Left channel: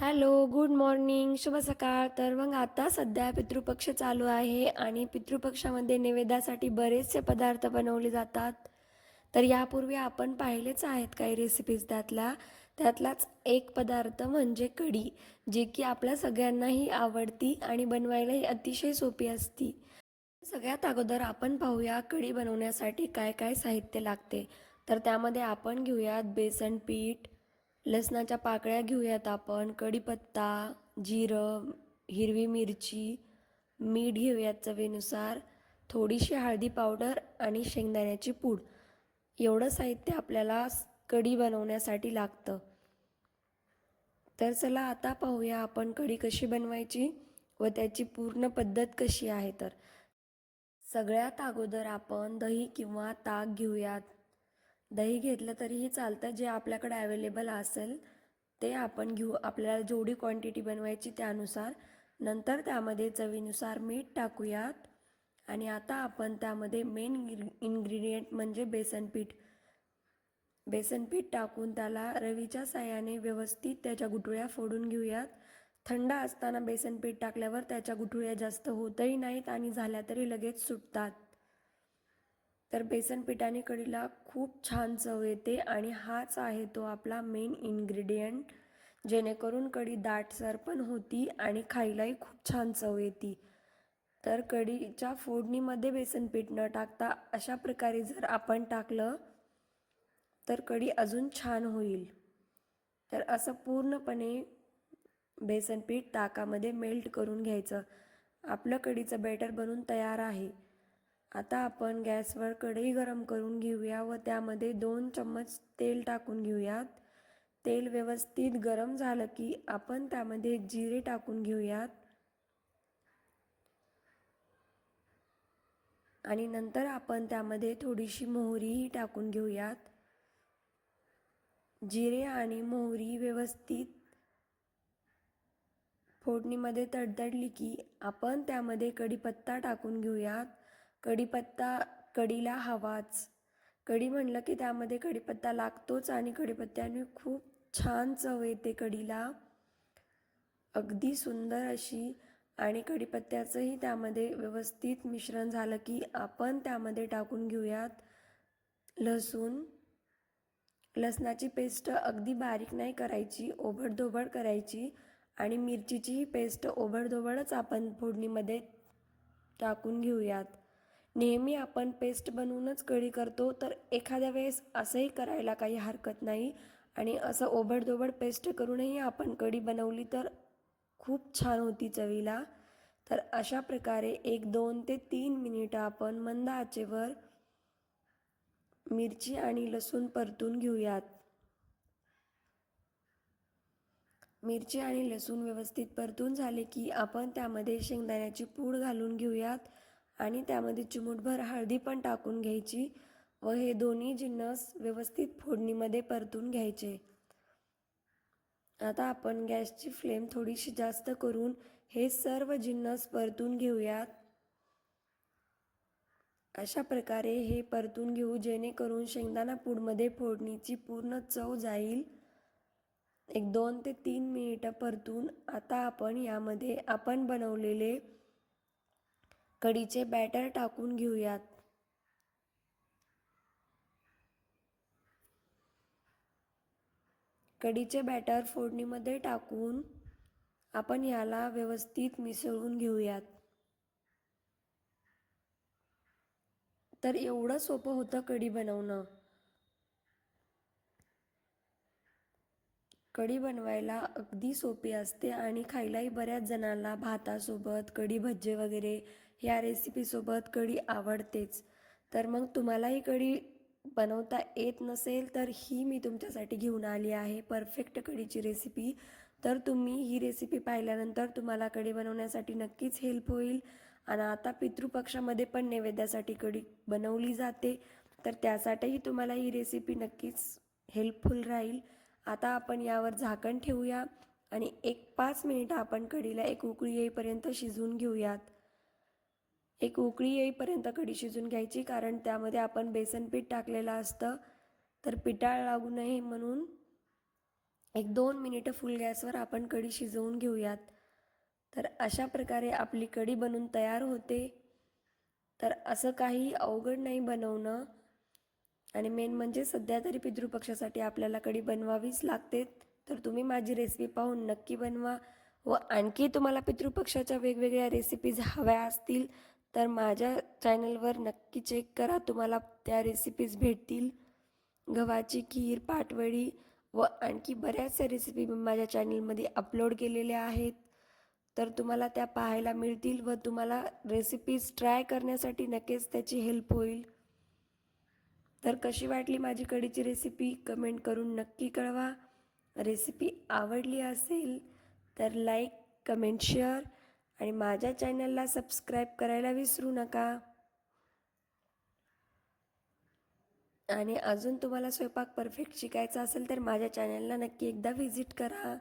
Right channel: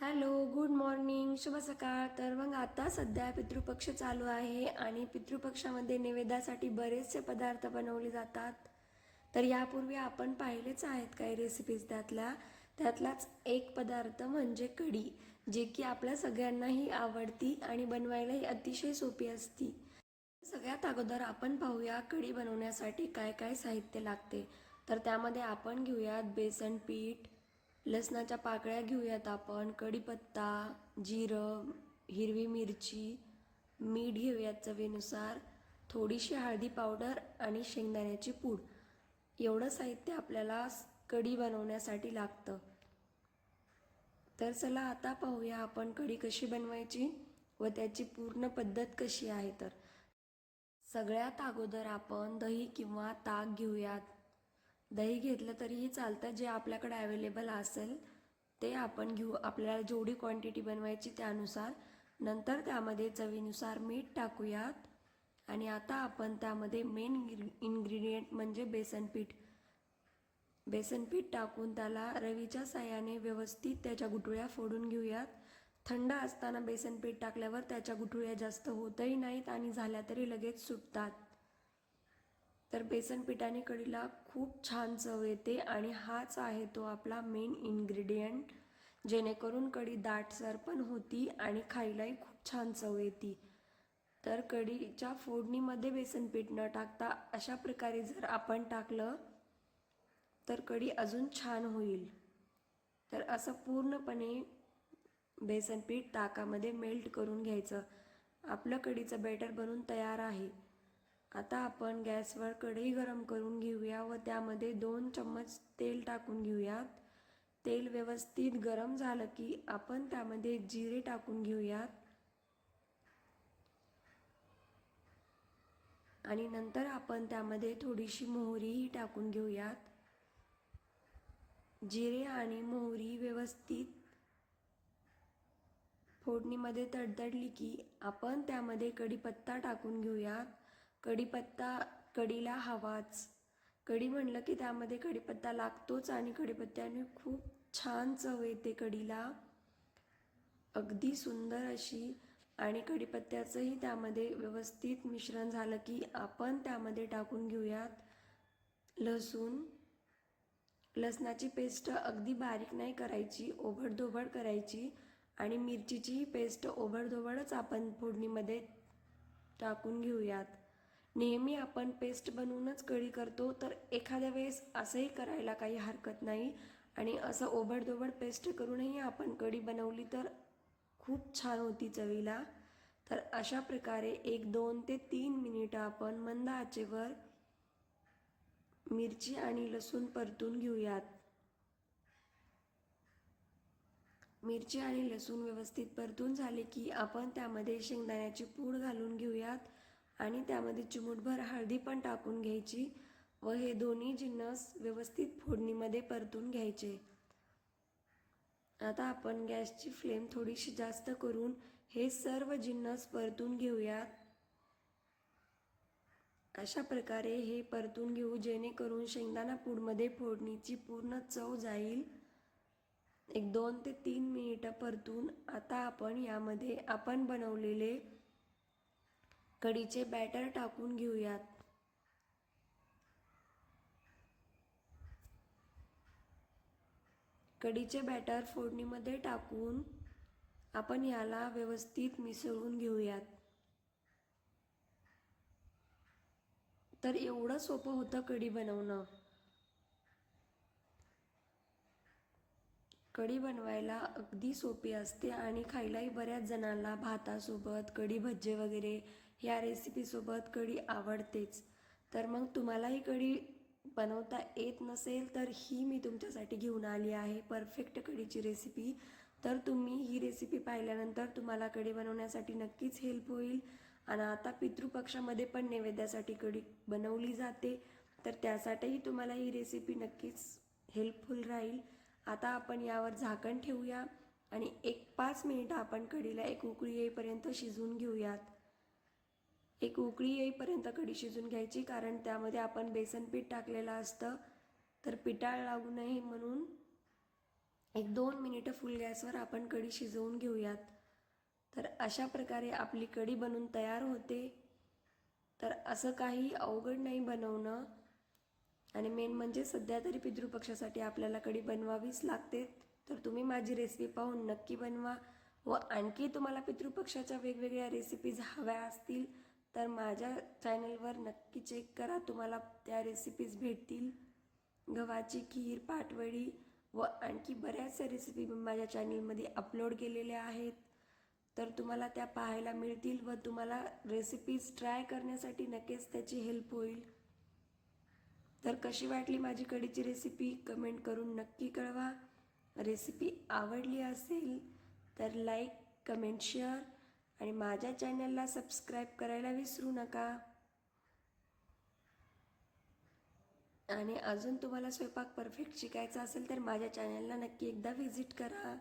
Hello good morning शुभ सकाळ. तर मग आता सध्या पितृपक्ष चालू आहे आणि पितृपक्षामध्ये नैवेद्यासाठी बरेचसे पदार्थ बनवले जातात. तर यापूर्वी आपण पाहिलेच आहेत काही रेसिपीज त्यातल्या त्यातलाच एक पदार्थ म्हणजे कढी जी की आपल्या सगळ्यांनाही आवडती आणि बनवायलाही अतिशय सोपी असती. सगळ्यात अगोदर आपण पाहूया कढी बनवण्यासाठी काय काय साहित्य लागते. तर त्यामध्ये आपण घेऊयात बेसन पीठ लसणाच्या पाकळ्या घेऊयात आपण. कढीपत्ता जिरं हिरवी मिरची मीठ घेऊयात चवीनुसार. थोडीशी हळदी पावडर आणि शेंगदाण्याची पूड. एवढं साहित्य आपल्याला कढी बनवण्यासाठी लागतं. तर चला आता पाहूया आपण कढी कशी बनवायची व त्याची पूर्ण पद्धत कशी आहे तर. सगळ्यात अगोदर आपण दही किंवा ताक घेऊयात. दही घेतलं तरीही चालतं जे आपल्याकडे अवेलेबल असेल ते आपण घेऊ. आपल्याला जेवढी क्वांटिटी बनवायची त्यानुसार. नंतर त्यामध्ये चवीनुसार मीठ टाकूयात. आणि आता आपण त्यामध्ये मेन इन्ग्रेडियंट म्हणजे बेसन पीठ. बेसन पीठ टाकून त्याला रवीच्या साह्याने व्यवस्थित त्याच्या गुठळ्या फोडून घेऊयात. थंड असताना बेसन पीठ टाकल्यावर त्याच्या गुठळ्या जास्त होतही नाहीत आणि झाल्या तरी लगेच सुटतात. तर बेसन पिठाने कढीला खूप छान चव येते आणि हाच आहे तो आपला मेन इन्ग्रेडियंट जेणेकरून कढी दाटसर पण होती आणि खायलाही खूप छान चव येते. तर कढीच्या फोडणीमध्ये बेसन पीठ न टाकता अशा प्रकारे जर आपण टाकलं तर कढी अजून छान होईल. तर असं पूर्णपणे बेसन पीठ ताकामध्ये मेल्ट करून घ्यायचं. आपलं कढीचं बॅटर बनून तयार आहे. आता आपण गॅसवर कढई गरम करून घेऊया व त्यामध्ये दोन चम्मच तेल टाकून घेऊयात. तेल व्यवस्थित गरम झालं की आपण त्यामध्ये जिरे टाकून घेऊयात. आणि नंतर आपण त्यामध्ये थोडीशी मोहरीही टाकून घेऊयात. जिरे आणि मोहरी व्यवस्थित फोडणीमध्ये तडतडली की आपण त्यामध्ये कढीपत्ता टाकून घेऊयात. कढीपत्ता कढीला हवाच. कढी म्हणलं की त्यामध्ये कढीपत्ता लागतोच आणि कढीपत्त्याने खूप छान चव येते कढीला. अगदी सुंदर अशी आणि कढीपत्त्याचंही त्यामध्ये व्यवस्थित मिश्रण झालं की आपण त्यामध्ये टाकून घेऊयात लसूण. लसणाची पेस्ट अगदी बारीक नाही करायची ओबडधोबड करायची आणि मिरचीचीही पेस्ट ओबडधोबडच आपण फोडणीमध्ये टाकून घेऊयात. नेहमी आपण पेस्ट बनवूनच कढी करतो तर एखाद्या वेळेस असंही करायला काही हरकत नाही. आणि असं ओबडधोबड पेस्ट करूनही आपण कढी बनवली तर खूप छान होती चवीला. तर अशा प्रकारे एक दोन ते तीन मिनिटं आपण मंद आचेवर मिरची आणि लसूण परतून घेऊयात. मिरची आणि लसूण व्यवस्थित परतून झाले की आपण त्यामध्ये शेंगदाण्याची पूड घालून घेऊयात. आणि त्यामध्ये चिमूटभर हळदी पण टाकून घ्यायची व हे दोन्ही जिन्नस व्यवस्थित फोडणीमध्ये परतून घ्यायचे. आता आपण गॅसची फ्लेम थोडीशी जास्त करून हे सर्व जिन्नस परतून घेऊयात. अशा प्रकारे हे परतून घेऊ जेणेकरून शेंगदाणा पूडमध्ये फोडणीची पूर्ण चव जाईल. एक दोन ते तीन मिनिटं परतून आता आपण यामध्ये आपण बनवलेले कढीचे बॅटर टाकून घेऊयात. कढीचे बॅटर फोडणीमध्ये टाकून आपण याला व्यवस्थित मिसळून घेऊयात. तर एवढं सोपं होतं कढी बनवणं. कढी बनवायला अगदी सोपी असते आणि खायलाही बऱ्याच जणांना भातासोबत कढी भज्जे वगैरे या रेसिपीसोबत कढी आवडतेच. तर मग तुम्हालाही कढी बनवता येत नसेल तर ही मी तुमच्यासाठी घेऊन आली आहे. परफेक्ट कढीची रेसिपी तर तुम्ही ही रेसिपी पाहिल्यानंतर तुम्हाला कढी बनवण्यासाठी नक्कीच हेल्प होईल. आणि आता पितृपक्षामध्ये पण नैवेद्यासाठी कढी बनवली जाते. तर त्यासाठीही तुम्हाला ही रेसिपी नक्कीच हेल्पफुल राहील. आता आपण यावर झाकण ठेवूया. आणि एक पाच मिनिटं आपण कढीला एक उकळी येईपर्यंत शिजवून घेऊयात. एक उकळी येईपर्यंत कढी शिजून घ्यायची कारण त्यामध्ये आपण बेसन पीठ टाकलेलं असतं. तर पिटाळ लागू नये म्हणून एक दोन मिनिटं फुल गॅसवर आपण कढी शिजवून घेऊयात. तर अशा प्रकारे आपली कढी बनून तयार होते. तर असं काही अवघड नाही बनवणं. आणि मेन म्हणजे सध्या तरी पितृपक्षासाठी आपल्याला कढी बनवावीच लागते तर तुम्ही माझी रेसिपी पाहून नक्की बनवा. व आणखी तुम्हाला पितृपक्षाच्या वेगवेगळ्या रेसिपीज हव्या असतील तर माझ्या चॅनलवर नक्की चेक करा तुम्हाला त्या रेसिपीज भेटतील. गव्हाची खीर पाटवडी व आणखी बऱ्याचशा रेसिपी मी माझ्या चॅनलमध्ये अपलोड केलेल्या आहेत. तर तुम्हाला त्या पाहायला मिळतील व तुम्हाला रेसिपीज ट्राय करण्यासाठी नक्कीच त्याची हेल्प होईल. तर कशी वाटली माझी कढीची रेसिपी कमेंट करून नक्की कळवा. रेसिपी आवडली असेल तर लाईक कमेंट शेअर आणि माझ्या चॅनलला सबस्क्राईब करायला विसरू नका. आणि अजून तुम्हाला स्वयंपाक परफेक्ट शिकायचा असेल तर माझ्या चॅनलला नक्की एकदा व्हिजिट करा.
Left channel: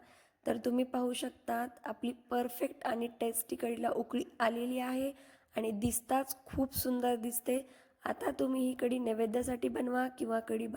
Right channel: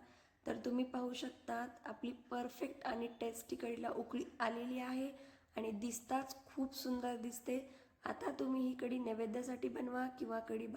तर तुम्ही पाहू शकतात आपली परफेक्ट आणि टेस्टी कढीला उकळी आलेली आहे आणि दिसताच खूप सुंदर दिसते. आता तुम्ही ही कढी नैवेद्यासाठी बनवा किंवा कढी